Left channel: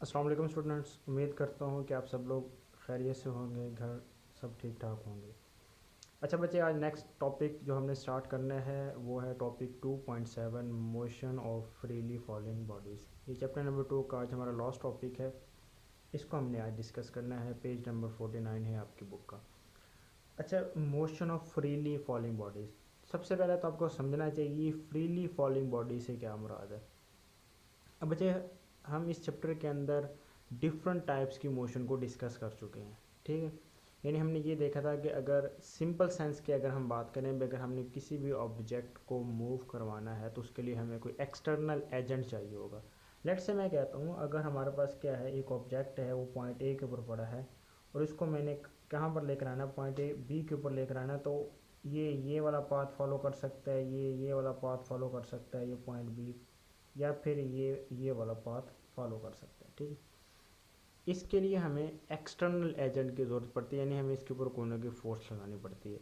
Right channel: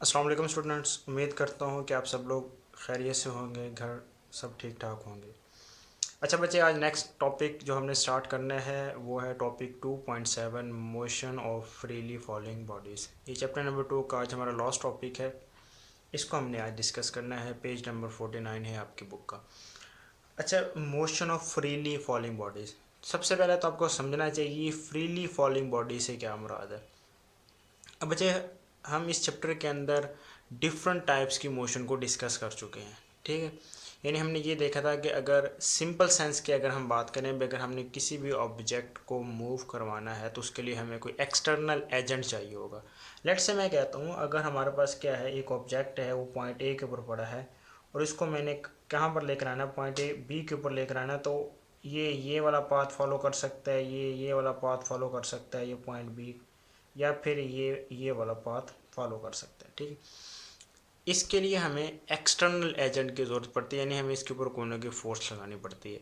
अस्सलाम वालेकुम स्टूडेंट्स, उम्मीद करता हूँ कि आप सब लोग खैरियत से होंगे, घर सब ठीक ठाक होंगे। अच्छा बच्चे, आज नेक्स्ट टॉपिक जो हमने स्टार्ट करना है वो है topic 2.7 motion of freely falling bodies. ये चैप्टर नंबर 2 का आज हमारा लास्ट टॉपिक है। इसको हमने आज डिस्कस करना है। पेज नंबर 49 है आपकी बुक का। अच्छा, motion of freely falling bodies, सबसे पहले तो आपको समझना चाहिए फ्रीली फॉलिंग बॉडी से क्या मुराद है। अब बच्चे, हम इस चैप्टर के अंदर डिफरेंट टाइप्स की मोशन को डिस्कस कर चुके हैं, ठीक है। यानी हमने ये देखा था कि अगर सिंपल सेंस की अगर हम बात करें, अगर हमने किसी भी ऑब्जेक्ट को मूव करवाना है तो उसके लिए हमें कोई एक्सटर्नल एजेंट चाहिए होगा। लेट्स से मैं कहता हूँ, अगर हमारे पास क्या है, एक ऑब्जेक्ट है, वो पॉइंट ए के ऊपर पड़ा है और इसको मैंने कहाँ पर लेकर आना, पॉइंट ए बी के ऊपर लेकर आना, तो ये वाला पाथ फॉलो कर सकता है, ये वाला पाथ फॉलो कर सकता है, ये पॉइंट बी, या फिर ये वाला पाथ फॉलो कर सकते हैं, ठीक है। इसके लिए हमें एक्सटर्नल एजेंट की ज़रूरत पड़ती है, यानी हमें इसके ऊपर कोई ना कोई फोर्स लगानी पड़ती है।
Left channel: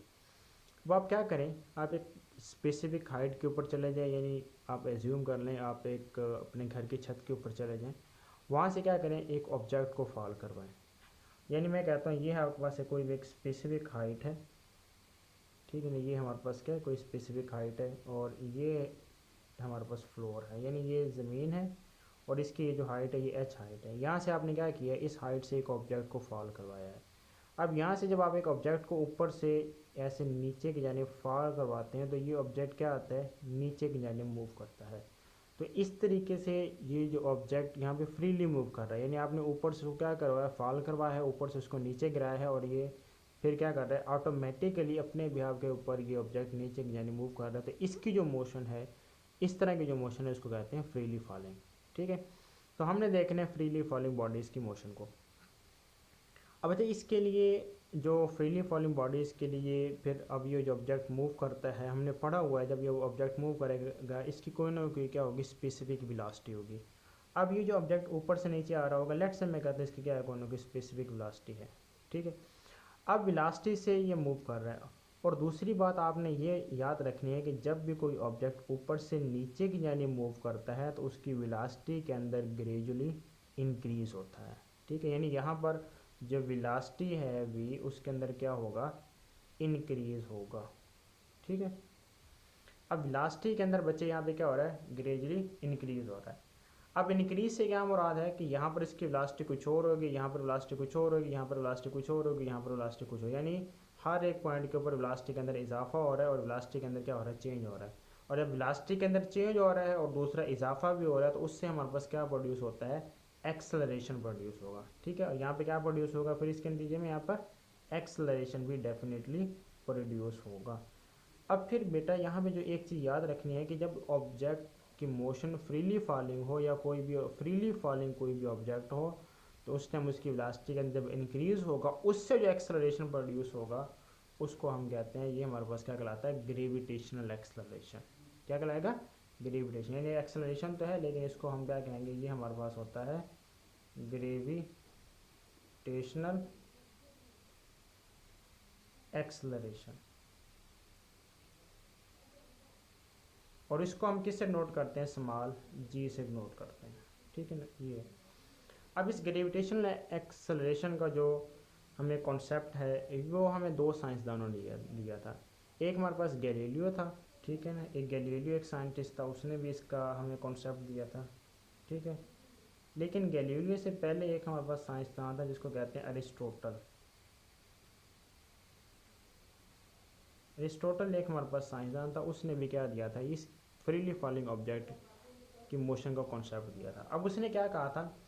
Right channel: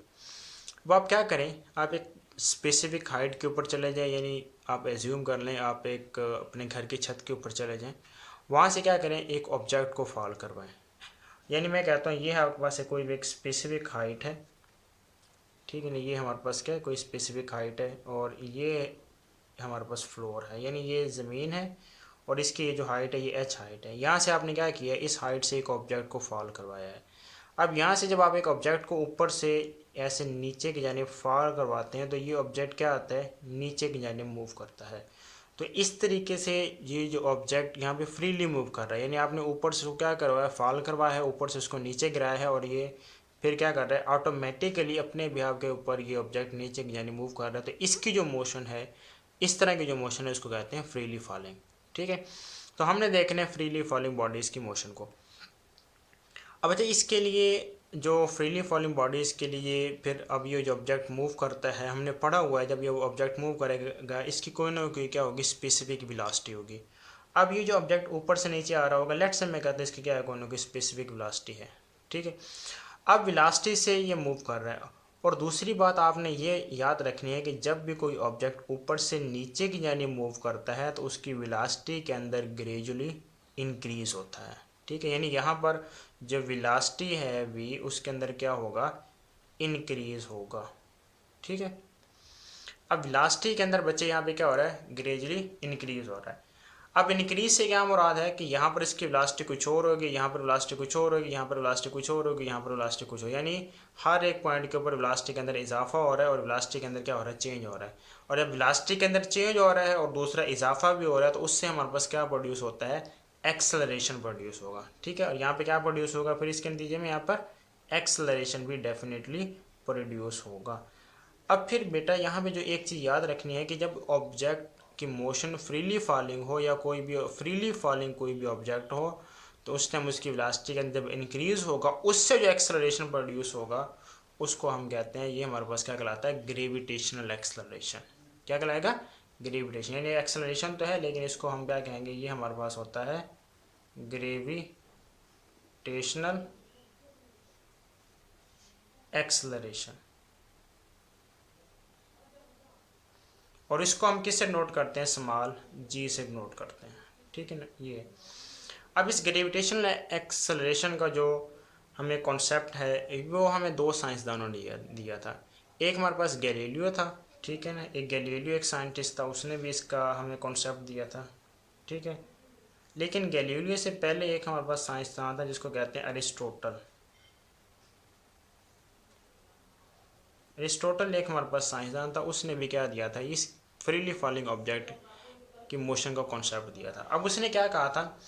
अब आप क्या करें, आप एक स्पेसिफिक हाइट के ऊपर चले जाएं, यानी आप एज्यूम कर लें आप एक अपने घर की छत के ऊपर चले जाएं। वहाँ से क्या करें, एक ऑब्जेक्ट को फॉल करवाएं। यानी मैं कहता हूँ ये आपके पास कोई भी एक स्पेसिफिक हाइट है, ठीक है ना, ये हमारे पास क्या है, कोई स्पेसिफिक हाइट है और ये हमारे पास फ्लोर है, यानी ये ज़मीन है और इसकी ये जो हाइट है ये एच हाइट है। यहाँ से आपने क्या किया, इस हाइट से एक ऑब्जेक्ट को फॉल करवाया है। अब यहाँ से जब आप एक ऑब्जेक्ट को ऊपर से ऐसे नीचे की जानिब फॉल करवाते हैं तो ये ऑब्जेक्ट क्या आता है, नीचे की जानिब मूव करता है। तो इस तरीके से ये जो ऑब्जेक्ट यहाँ पे फ्रीली मूव कर रहा है, यानी आपने ऊपर से क्या करवाया, फॉल करवाया है, ऊपर से उसको नीचे गिराया है और ये फिर क्या कर रहा है, ऑटोमेटिकली अपने बिहाव के ऊपर ये ऑब्जेक्ट नीचे की जानिब मूव कर रहा है। तो इसकी जो मोशन है, इस तरह की जो मोशन है, उसको कहते हैं फ्रीली फॉलिंग, ठीक है। तो हमने देखना है फ्रीली फॉलिंग बॉडीज़ की मोशन को। अब अच्छा, इसके लिए जो फ्रीली फॉलिंग बॉडीज़ के लिए फिर अब ये जो ऑब्जेक्ट मूव करता है, हमने पढ़ा हुआ है, जब ये ऑब्जेक्ट मूव करेगा इसकी कोई ना कोई क्या होगी, स्पेसिफिक वेलोसिटी होगी। अब ये जो ऑब्जेक्ट ऊपर से नीचे आ रहा होगा, लेट्स से मैं कहता हूँ इसकी क्या है, कोई ना कोई स्पेसिफिक वेलोसिटी है, ठीक है। अब वेलोसिटी से ये मूव कर रहा है। और दूसरी बात आपने ये याद रखनी है कि जब भी कोई ऑब्जेक्ट ऊपर से नीचे की जानिब मूव करता है तो उसकी वेलोसिटी के अंदर ग्रेजुअली इंक्रीज होता है, ठीक है। यानी यहाँ पर जो वेलोसिटी है वी, उसके अंदर क्या होगा, इंक्रीज होगा, ठीक है। अब वेलोसिटी के अंदर बच्चे यहाँ पे क्या हो रहा है, ग्रेजुअली इंक्रीज हो रहा है। अब इंक्रीज से क्या मुराद है कि यहाँ पर इसकी वेलोसिटी कुछ और होगी, यहाँ पर वेलोसिटी कुछ और होगी, यहाँ पर वेलोसिटी कुछ और होगी, यहाँ पर वेलोसिटी कुछ हो, यानी हर एक पॉइंट के ऊपर वेलोसिटी के अंदर इजाफा हो रहा है और वेलोसिटी के अंदर क्या हो रहा है, चेंज हो रहा है। और जब वेलोसिटी के अंदर चेंज हो रहा है और दूसरा इजाफा भी हो रहा है तो उससे हमारे पास क्या प्रोड्यूस होता है, एक्सेलरेशन प्रोड्यूस होगा, ठीक है। और यहाँ पे क्या प्रोड्यूस होगा, फिर इसके नतीजे में यहाँ पर एक्सेलरेशन भी डेफिनेटली प्रोड्यूस होगा। अब फिर बेटा यहाँ पे जो एक चीज़ याद रखनी है कि जब ऑब्जेक्ट की मोशन फ्रीली फॉलिंग हो या कोई भी फ्रीली फॉलिंग कोई भी ऑब्जेक्ट हो, तो उस टाइम उसकी वेलोसिटी का जब इंक्रीज होगा, उससे जो एक्सेलरेशन प्रोड्यूस होगा उसको हम कहते हैं, ये हमारे पास क्या कहलाता है, ग्रेविटेशनल एक्सेलरेशन। क्या कहलाएगा, ग्रेविटेशन। यानी एक्सेलरेशन तो है लेकिन इसको हम क्या कहेंगे, ये हमारे पास होता है ग्रेविटेशनल एक्सेलरेशन। और इसको हम किससे नोट करते हैं, स्मॉल जी से नोट करते हैं, ठीक है ना ये। अब इस ग्रेविटेशनल एक्सेलरेशन का जो हमें कॉन्सेप्ट है वो हमें दो साइंसदानों ने दिया था। एक हमारे पास गैलीलियो था, ठीक है ना, एक गैलीलियो एक साइंटिस्ट था, उसने भी इसका हमें कॉन्सेप्ट दिया था, ठीक है। लेकिन गैलीलियो से पहले एक हमारे पास साइंसदान था जिसको कहते हैं अरिस्टोटल। अरिस्टोटल एक हमारे पास साइंसदान था, उसने भी क्या दिया था, इस फ्रीली फॉलिंग ऑब्जेक्ट की मोशन का कॉन्सेप्ट दिया था। अब उसने क्या कहा था,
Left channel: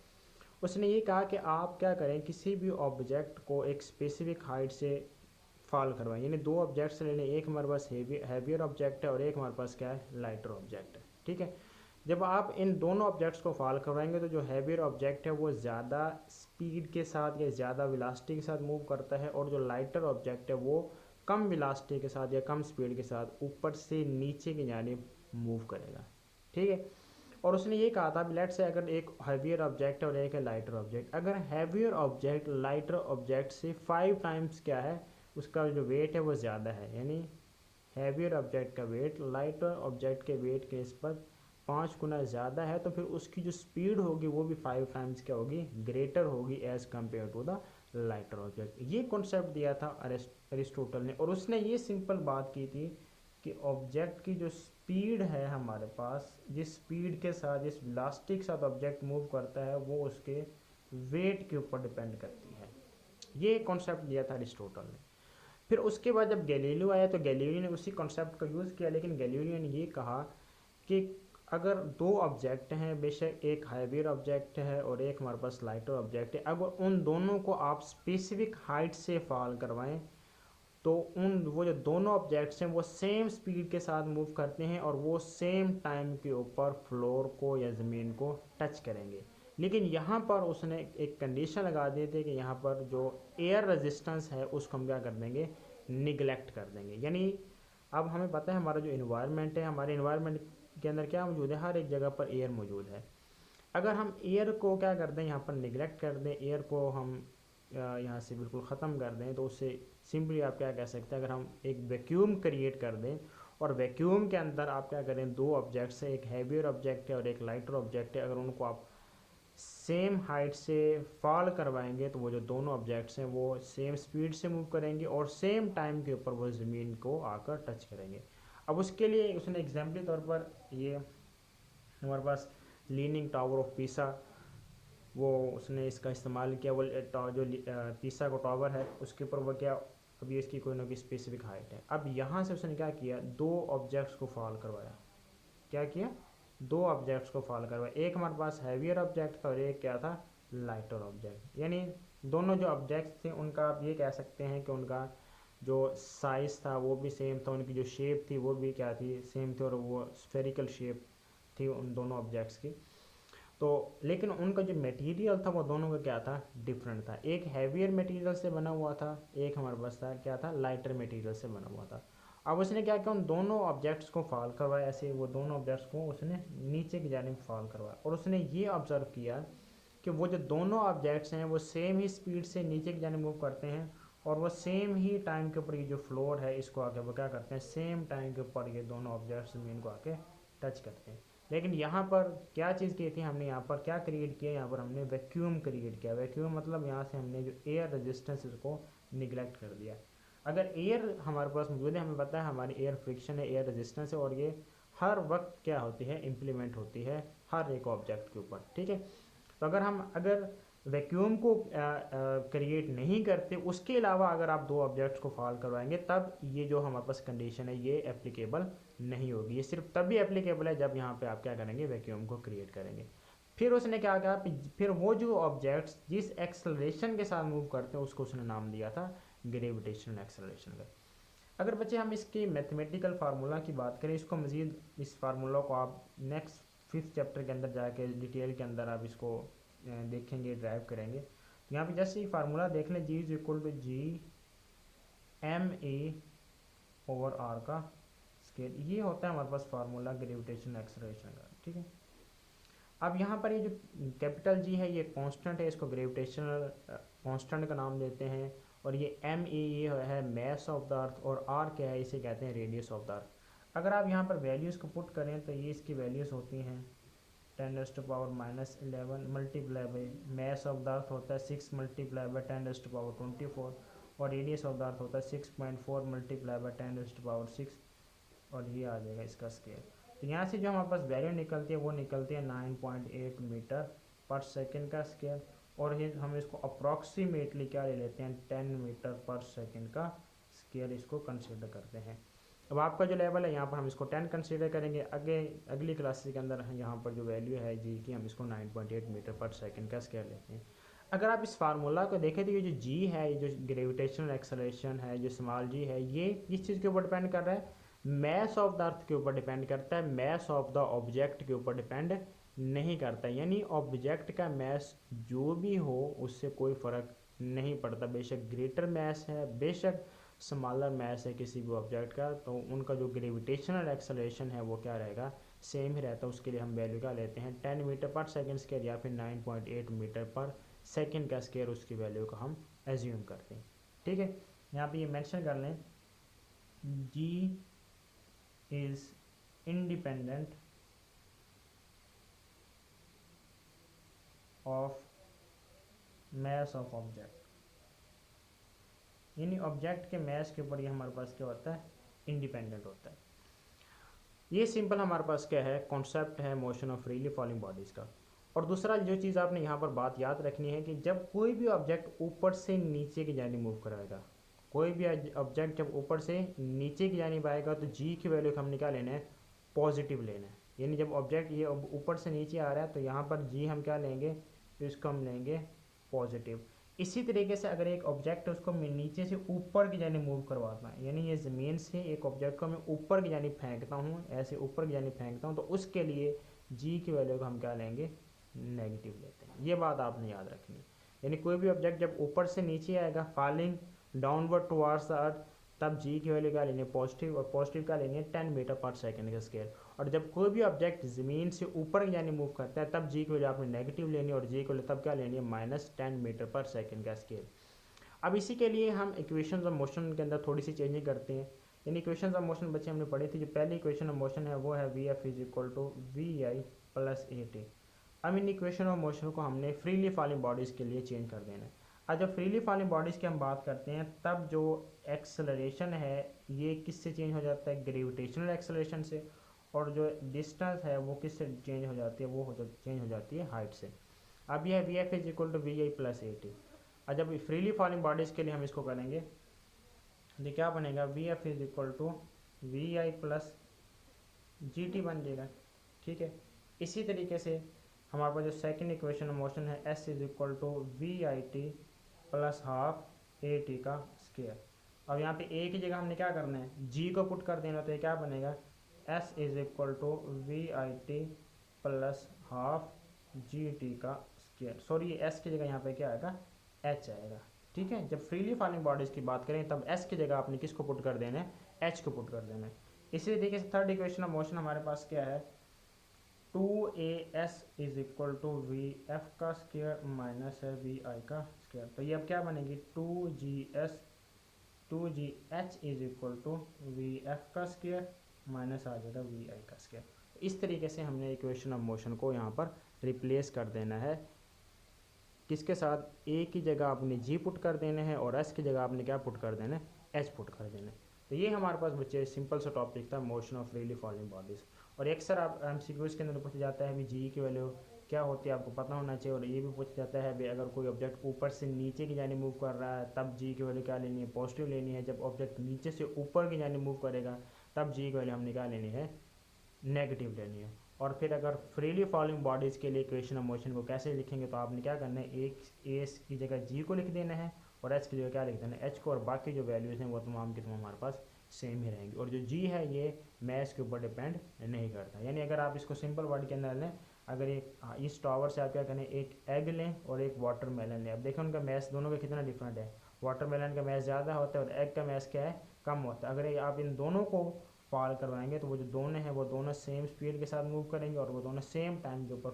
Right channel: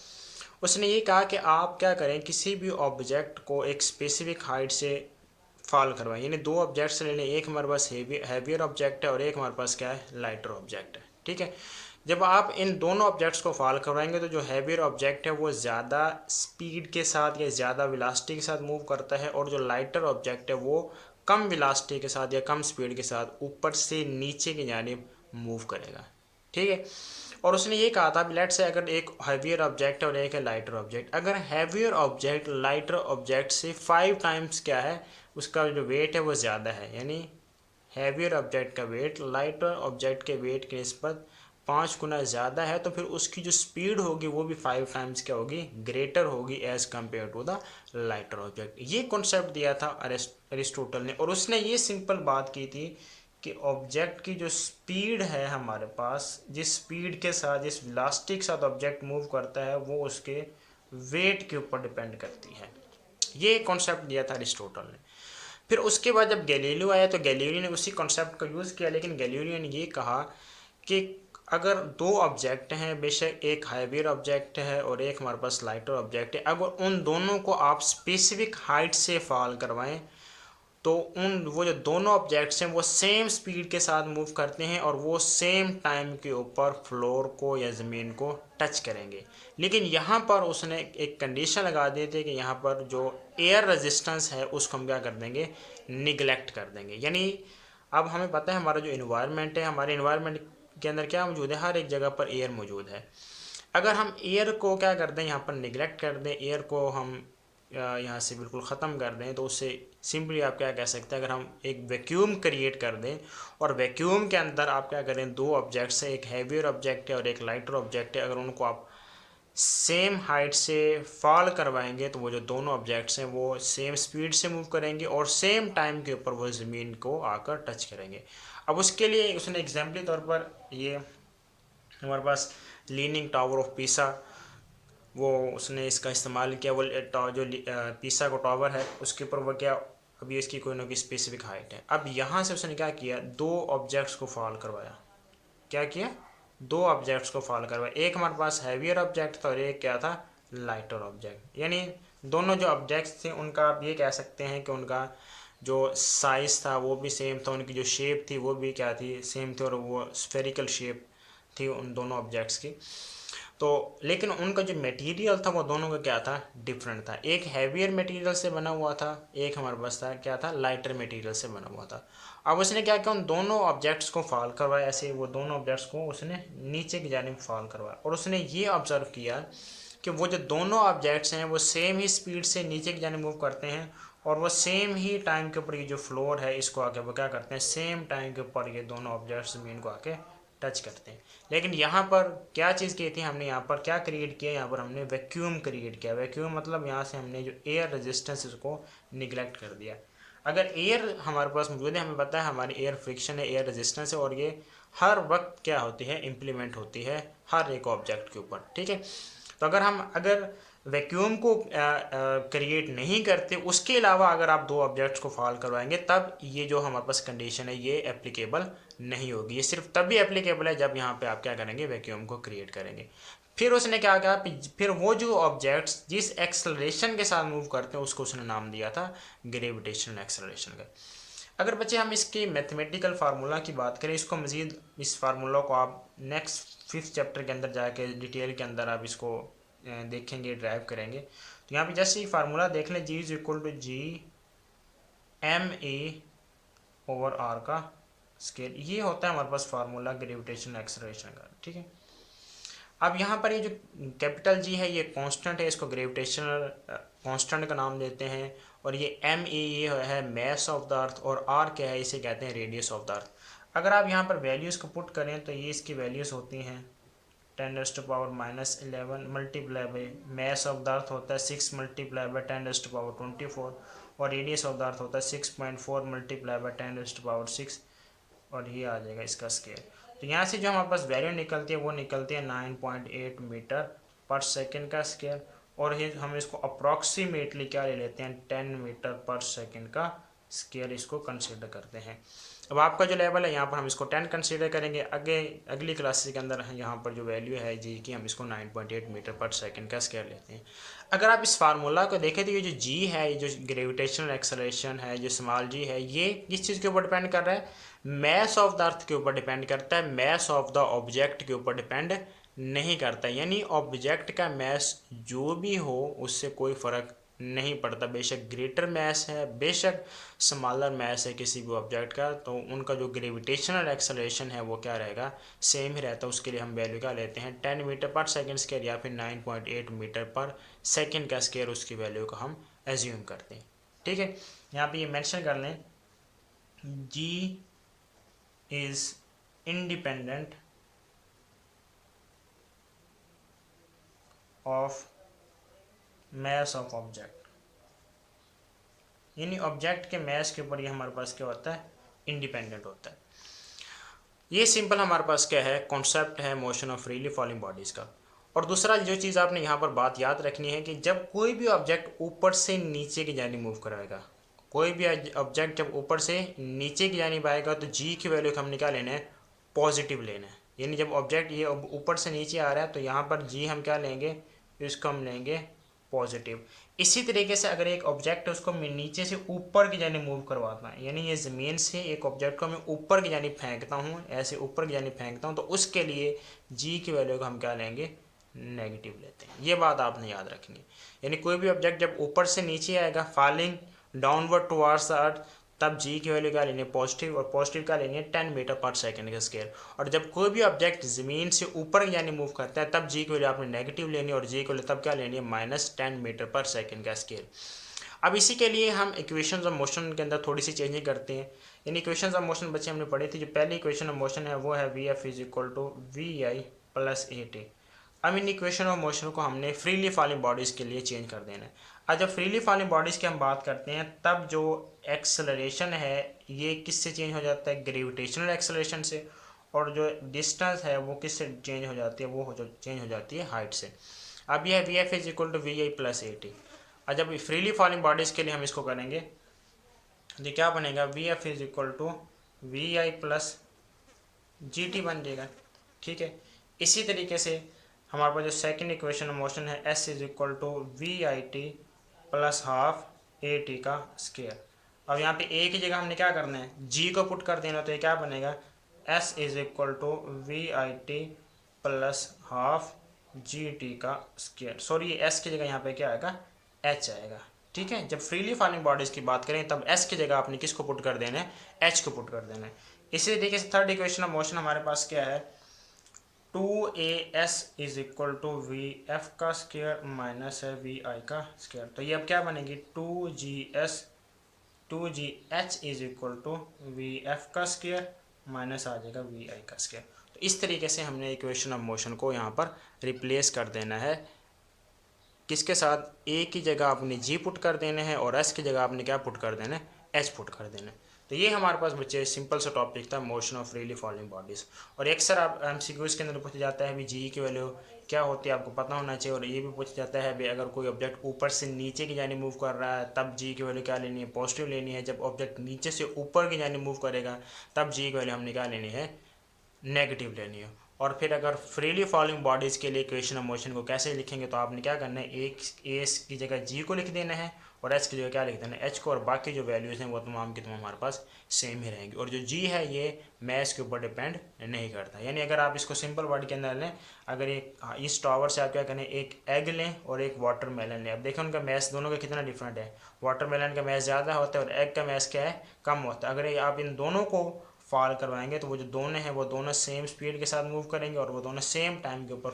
उसने ये कहा कि आप क्या करें, किसी भी ऑब्जेक्ट को एक स्पेसिफिक हाइट से फॉल करवाएं। यानी दो ऑब्जेक्ट्स ले लें, एक हमारे पास हैवियर ऑब्जेक्ट है और एक हमारे पास क्या है, लाइटर ऑब्जेक्ट है, ठीक है। जब आप इन दोनों ऑब्जेक्ट्स को फॉल करवाएंगे तो जो हैवियर ऑब्जेक्ट है वो ज़्यादा स्पीड के साथ या ज़्यादा वेलोसिटी के साथ मूव करता है, और जो लाइटर ऑब्जेक्ट है वो कम वेलोसिटी के साथ या कम स्पीड के साथ ऊपर से नीचे की जानिब मूव करेगा, ठीक है। और उसने ये कहा था, लेट से अगर एक हैवियर ऑब्जेक्ट है और एक है लाइटर ऑब्जेक्ट, अगर हैवियर ऑब्जेक्ट लाइटर ऑब्जेक्ट से 5 टाइम्स क्या है, उसका जो वेट है वो ज़्यादा है, यानी हैवियर ऑब्जेक्ट का वेट लाइटर ऑब्जेक्ट के वेट के निस्बत 5 गुना ज़्यादा है तो फिर उसकी जो स्पीड होगी वो भी 5 टाइम्स क्या होगी, ग्रेटर होगी as compare to the lighter object. ये कॉन्सेप्ट दिया था अरिस्टोटल ने, और उसने ये सिंपल बात की थी कि ऑब्जेक्ट की जो स्पीड है हमारे पास, जिस स्पीड के साथ, जिस वेलोसिटी के साथ ऑब्जेक्ट मूव करता है, वो उसके वेट के ऊपर डिपेंड करती है। ये कॉन्सेप्ट दिया था अरिस्टोटल ने। फिर उसके बाद जब गैलीलियो आया तो गैलीलियो ने उसी कॉन्सेप्ट का यूज़ किया, लेकिन गैलीलियो ने ये कहा कि अगर दो ऑब्जेक्ट हैं, बेशक एक हाईवियर ऑब्जेक्ट है और एक हमारे पास लाइटर ऑब्जेक्ट है, अगर उन दोनों को आप स्पेसिफिक हाइट से फॉल करवाएं तो वो जो दोनों ऑब्जेक्ट्स हैं वो सेम स्पीड के साथ मूव करते हैं और वो सेम टाइम के ऊपर फ्लोर को या ज़मीन को टच करेंगे। लेकिन यहाँ पर उसने एक कंडीशन लगा दी थी कि यहाँ पर जो एयर रेजिस्टेंस है उसको हम क्या कर देंगे, निगलेक्ट कर देंगे। यानी अब हमें पता है हमारा जो इन्वायरमेंट है, हमारे इन्वायरमेंट के अंदर क्या मौजूद है, हर एक जगह पर एयर मौजूद है। अगर हम एयर को क्या कर दें, यहाँ पर निगलेक्ट कर दें, एयर को हम यहाँ से बिल्कुल ख़त्म कर दें, तो उससे सिंपली आप क्या कह सकते हैं, अगर हम एक वैक्यूम क्रिएट कर दें और वैक्यूम के अंदर आप क्या करें, दो ऑब्जेक्ट्स है, एक हैवियर ऑब्जेक्ट है और एक लाइटर ऑब्जेक्ट है, अगर उनको आप सेम हाइट से फॉल करवाएंगे तो वो जो दोनों ऑब्जेक्ट्स हैं वो सेम स्पीड से मूव करेंगे और सेम टाइम के ऊपर वो ज़मीन को आकर टच करेंगे। अब उसके लिए उसने एग्जाम्पली तौर पर ये हमारे पास लीनिंग टावर ऑफ पीसा, वो उसने इसका इस्तेमाल किया। वो जो पीसा का टावर है उसके ऊपर वो क्या, अभी इसकी कोई ना कोई स्पेसिफिक हाइट है। अब यहाँ से उसने क्या किया, दो ऑब्जेक्ट्स को फॉल करवाया। क्या किया, दो ऑब्जेक्ट्स को फॉल करवाया। एक हमारे पास हैवियर ऑब्जेक्ट था और एक क्या था, लाइटर ऑब्जेक्ट। यानी दोनों जो ऑब्जेक्ट्स थे उनका आप ये कह सकते हैं कि उनका जो साइज़ था वो भी सेम था, उनकी जो शेप थी वो भी क्या थी, सेम थी, और वो स्फेरिकल शेप थी उन दोनों ऑब्जेक्ट्स की। तो लेकिन उनका जो मटेरियल था वो दोनों का क्या था, डिफरेंट था। एक हैवियर मटेरियल से बना हुआ था, एक हमारे पास था क्या था, लाइटर मटेरियल से बना हुआ था। अब उसने क्या किया, उन दोनों ऑब्जेक्ट्स को फॉल करवाया, ऐसे वो दोनों ऑब्जेक्ट्स को उसने नीचे की जानिब फॉल करवाया, और उसने ये ऑब्जर्व किया कि वो जो दोनों ऑब्जेक्ट्स हैं वो सेम ही स्पीड से नीचे की जानिब मूव करते हैं और वो सेम ही टाइम के ऊपर ये जो फ्लोर है इसको आके वो क्या करते हैं, सेम टाइम के ऊपर ये दोनों ऑब्जेक्ट्स ज़मीन को आके टच करते हैं। लेकिन यहाँ पर क्या चीज़ की थी, हमने यहाँ पर क्या क्रिएट किया, यहाँ पर हमने वैक्यूम क्रिएट किया। वैक्यूम मतलब यहाँ से हमने जो एयर रेजिस्टेंस इसको निगलेक्ट कर दिया। अगर एयर हमारे पास मौजूद है, हमें पता है हमारी एयर फ्रिक्शन है, एयर रेजिस्टेंस है, और ये हर वक्त क्या होती है, इम्प्लीमेंट होती है हर एक ऑब्जेक्ट के ऊपर, ठीक है। तो अगर वैक्यूम को क्रिएट नहीं करते, उसके अलावा अगर आप दो ऑब्जेक्ट्स को फॉल करवाएंगे, तब ये जो हमारे पास कंडीशन है ये एप्लीकेबल नहीं होगी। ये सिर्फ तभी एप्लीकेबल है जब यहाँ पे आप क्या करेंगे, वैक्यूम को क्रिएट करेंगे। फिर उसने क्या कहा, फिर वो जो ऑब्जेक्ट्स जिस एक्सेलरेशन के साथ मूव करते हैं उसको उसने नाम दिया था ग्रेविटेशनल एक्सेलरेशन का। अगर बच्चे हम इसकी मैथमेटिकल फार्मूला की बात करें, इसको मज़ीद इस फार्मूला को आप नेक्स्ट 5th चैप्टर के अंदर जाके डिटेल के अंदर आप इसको देखेंगे, ड्राइव करेंगे। तो यहाँ पे जस्ट ये फार्मूला देख लें, G is equal to G M A over R का स्केल। ये होता है हमारे पास फार्मूला ग्रेविटेशनल एक्सेलरेशन का, ठीक है। अब यहाँ पर ये जो कैपिटल जी है ये कांस्टेंट है, इसको ग्रेविटेशनल कांस्टेंट का नाम देते हैं, और ये एम ए ये है मैस ऑफ द अर्थ, और आर क्या है, इसे कहते हैं रेडियस ऑफ द अर्थ। अगर आप यहाँ पर वैल्यूज़ को पुट करें तो ये इसकी वैल्यूज़ होती हैं 10⁻⁻11 multiply by mass of the earth होता है 6 मल्टीप्लाई बाई 10⁻24, और रेडियस ऑफ द अर्थ होता है 6.4 मल्टीप्लाई बाई 10⁻6, और ये आ जाएगा इसका स्केल। तो यहाँ से जो हमारे पास वैल्यू निकलती है वो निकलती है 9.8 मीटर पर सेकंड का स्केल, और हम इसको अप्रॉक्सीमेटली क्या ले लेते हैं, 10 मीटर पर सेकंड का स्केल इसको कंसीडर करते हैं। अब आपका जो लेवल है यहाँ पर हम इसको 10 कंसीडर करेंगे, अगली क्लासेस के अंदर यहाँ पर जो वैल्यू है जी की हम इसको 9.8 मीटर पर सेकंड का स्केल लेते हैं। अगर आप इस फार्मूला को देखें तो ये जो जी है, ये जो ग्रेविटेशनल एक्सेलरेशन है, जो स्मॉल जी है, ये किस चीज़ के ऊपर डिपेंड कर रहा है, मैस ऑफ द अर्थ के ऊपर डिपेंड करता है, मैस ऑफ द ऑब्जेक्ट के ऊपर डिपेंड नहीं करता। यानी ऑब्जेक्ट का मैस जो भी हो उससे कोई फ़र्क नहीं पड़ता, बेशक ग्रेटर मैस है बेशक स्मॉलर मैस है किसी भी ऑब्जेक्ट का, तो उनका जो ग्रेविटेशनल एक्सेलरेशन है वो क्या रहेगा, सेम ही रहता है। उसके लिए हम वैल्यू क्या लेते हैं, 10 मीटर पर सेकंड स्क्वायर या फिर 9.8 मीटर पर सेकंड का स्क्वायर, उसकी वैल्यू को हम एज्यूम करते हैं, ठीक है। यहाँ पे ये मेंशन कर लें, जी is independent of mass of object, यानी ऑब्जेक्ट के मास के ऊपर ये हमारे पास क्या होता है, इंडिपेंडेंट होता है। ये सिंपल हमारे पास क्या है, कॉन्सेप्ट है motion of freely falling bodies का। और दूसरा जो चीज़ आपने यहाँ पर बात याद रखनी है कि जब कोई भी ऑब्जेक्ट ऊपर से नीचे की जानी मूव कराएगा, कोई भी ऑब्जेक्ट जब ऊपर से नीचे की जानी आएगा तो जी की वैल्यू हम क्या लेना है, पॉजिटिव लेना है। यानी जब ऑब्जेक्ट ये ऊपर से नीचे आ रहा है तो यहाँ पर जी हम क्या लेंगे, इसको हम लेंगे पॉजिटिव। इसी तरीके से अगर एक ऑब्जेक्ट है उसको मैं नीचे से ऊपर की जानी मूव करवाता है, यानी ये ज़मीन से एक ऑब्जेक्ट को मैं ऊपर की जानी फेंकता हूँ, ऐसे ऊपर की जानी फेंकता हूँ, तो उसके लिए जी की वैल्यू को हम क्या लेंगे, नेगेटिव लेते हैं। ये बात आपने याद रखनी है। यानी कोई भी ऑब्जेक्ट जब ऊपर से नीचे आएगा, falling downward towards the earth, तब जी की वैल्यू क्या लेनी है, पॉजिटिव, और पॉजिटिव क्या लेनी है, 10 मीटर पर सेकंड का स्केयर। और जब कोई भी ऑब्जेक्ट ज़मीन से ऊपर यानी मूव करता है तब जी की वैल्यू आपने नेगेटिव लेनी है, और जी की वैल्यू तब क्या लेनी है, -10 मीटर पर सेकंड का स्केयर। अब इसी के लिए हम इक्वेशंस ऑफ मोशन के अंदर थोड़ी सी चेंजिंग करते हैं। इन इक्वेशंस ऑफ मोशन बच्चे हमने पढ़ी थी, जो पहली इक्वेशन ऑफ मोशन है वो है v f is equal to v i plus a t. अब इन इक्वेशन ऑफ मोशन को हमने फ्रीली फॉलिंग बॉडीज़ के लिए चेंज कर देना है। अब जब फ्रीली फॉलिंग बॉडीज़ की हम बात करते हैं तब जो एक्सेलरेशन है ये किससे चेंज हो जाता है, ग्रेविटेशनल एक्सेलरेशन से, और जो डिस्टेंस है वो किससे चेंज हो जाती है, वो चेंज हो जाती है हाइट से। अब यह v f is equal to v i plus a t. और जब फ्रीली फॉलिंग बॉडीज़ के लिए हम इसको करेंगे तो क्या बनेगा, v f is equal to v i plus g t बन जाएगा। ठीक है, इसी तरीके से हमारे पास जो सेकंड इक्वेशन ऑफ मोशन है s is equal to v i t plus half a t का स्केयर। अब यहाँ पे ए की जगह हमने क्या करना है, जी को पुट कर देना, तो ये क्या बनेगा, s is equal to v i t plus half g t का स्केयर। सॉरी, एस की जगह यहाँ पे क्या आएगा, एच आएगा। ठीक है, जब फ्रीली फॉलिंग बॉडीज़ की बात करें तब एस की जगह आपने किसको पुट कर देना है, एच को पुट कर देना है। इसी तरीके से थर्ड इक्वेशन ऑफ मोशन हमारे पास क्या है, 2as is equal to v f का स्केयर माइनस है वी आई का स्केयर। तो ये अब क्या बनेगी, 2gh is equal to v f का स्केयर माइनस आ जाएगा वी आई का स्केयर। तो इस तरीके से हमने इक्वेशन ऑफ मोशन को यहाँ पर रिप्लेस कर देना है। किसके साथ, ए की जगह आपने जी पुट कर देना है और एस की जगह आपने क्या पुट कर देना है, एच पुट कर देना है। तो ये हमारे पास बच्चे सिंपल सा टॉपिक था, motion of freely falling bodies. और अक्सर आप एमसीक्यूज़ के अंदर पूछा जाता है भी जी की वैल्यू क्या होती है, आपको पता होना चाहिए। और ये भी पूछा जाता है भी अगर कोई ऑब्जेक्ट ऊपर से नीचे की जानी मूव कर रहा है तब जी की वैल्यू क्या लेनी है, पॉजिटिव लेनी है। जब ऑब्जेक्ट नीचे से ऊपर की जानी मूव करेगा तब जी की वैल्यू हमने क्या लेनी है, नेगेटिव लेनी है। और फिर अगर फ्रीली फॉलिंग बॉडीज़ के लिए इक्वेशन ऑफ मोशन को कैसे लिखेंगे, तो आपने क्या करना है, एक एस की जगह जी को लिख देना है और एच की जगह क्या लिख देना है, एच को, और बाकी जो वैल्यूज़ हैं वो तमाम की तमाम हमारे पास सेम ही रहेंगी। और जो जी है ये मैथ के ऊपर डिपेंड नहीं करता। यानी अगर आप इसको सिंपल वर्ड के अंदर लें, अगर एक इस टॉवर से आप क्या करें, एक एग लें और एक वाटरमेलन लें। अब देखें उनका मैथ दोनों का कितना डिफरेंट है। वाटरमेलन का मैथ ज़्यादा होता है और एग का मैथ क्या है, कम होता है। अगर आप इन दोनों को फॉल करवाएंगे तो वो जो दोनों हैं वो दोनों सेम स्पीड के साथ मूव करेंगे और वो दोनों सेम टाइम के ऊपर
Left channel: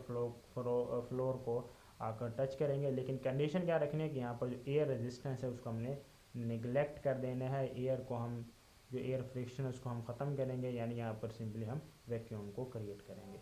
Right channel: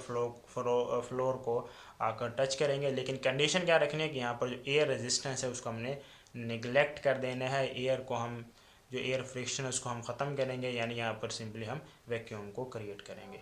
फ्लोर को आकर टच करेंगे। लेकिन कंडीशन क्या रखनी है कि यहाँ पर जो एयर रेजिस्टेंस है उसको हमने निगलेक्ट कर देना है। एयर को हम, जो एयर फ्रिक्शन है उसको हम ख़त्म करेंगे, यानी यहाँ पर सिंपली हम वैक्यूम को क्रिएट करेंगे।